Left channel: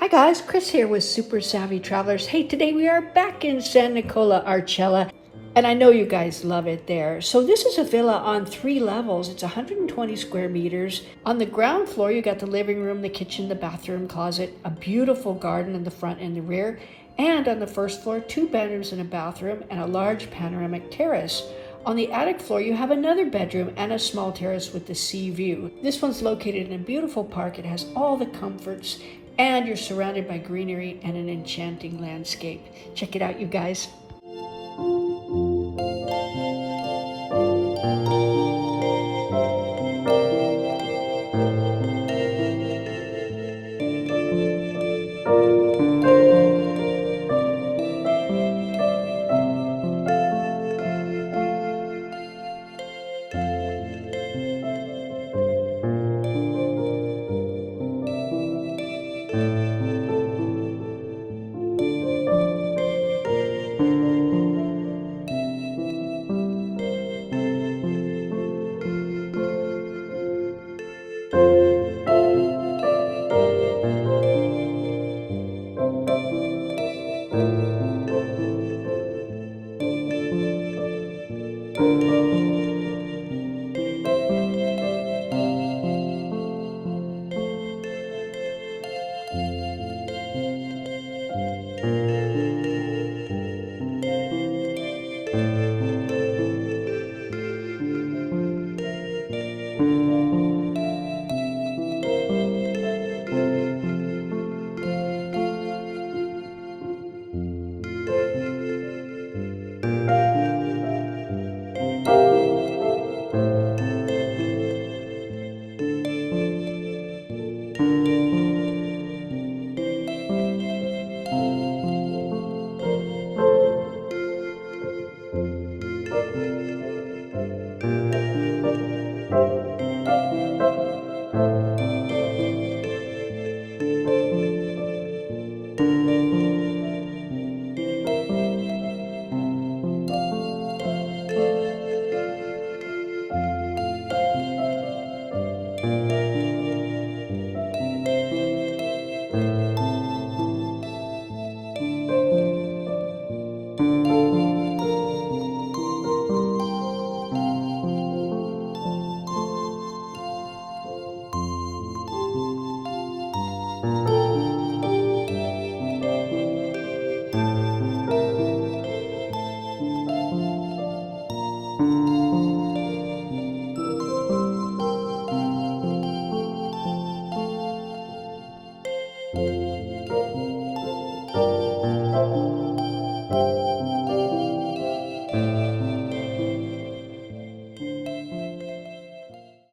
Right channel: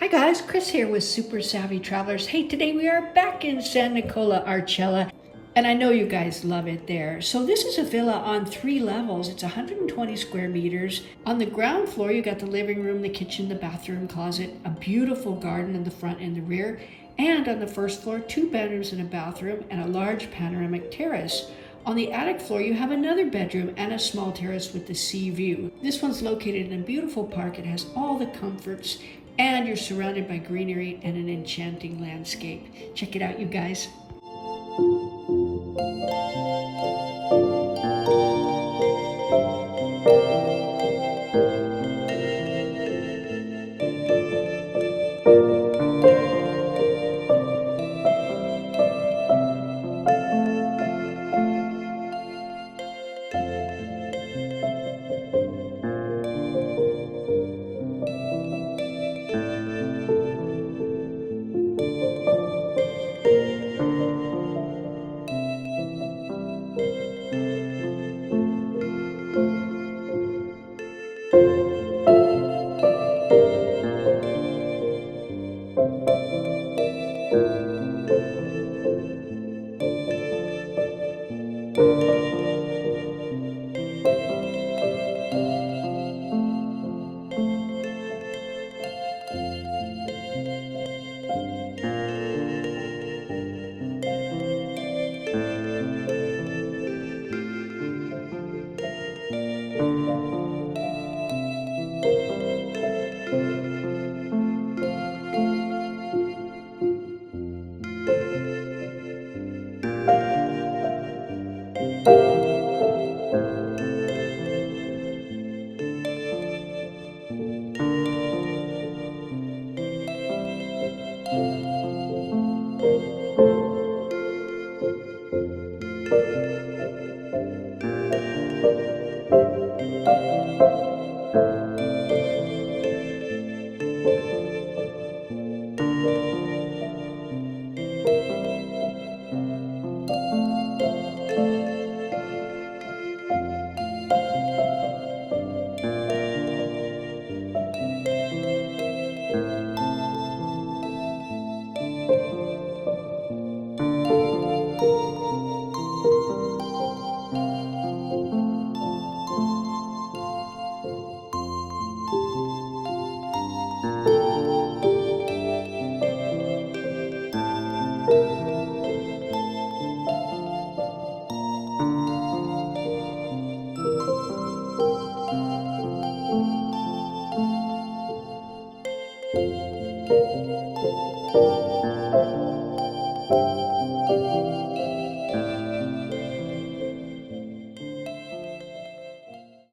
Hi guys, Chris here with Super Savvy Travelers. Hey, today we are back in San Nicola Arcella, and I know you guys love it there. So this is a villa on 3 levels. It's 120 square meters. On the ground floor, you got the living room, the kitchen, the bathroom, closet, a beautiful garden in the front and the rear, and on the first floor, 2 bedrooms and a bathroom, and a large panoramic terrace. On the attic floor, you have another bedroom and a small terrace with the sea view. This one's located in a beautiful park. It has all the comforts, and you're surrounded by greenery and an enchanting landscape. Check it out, you guys.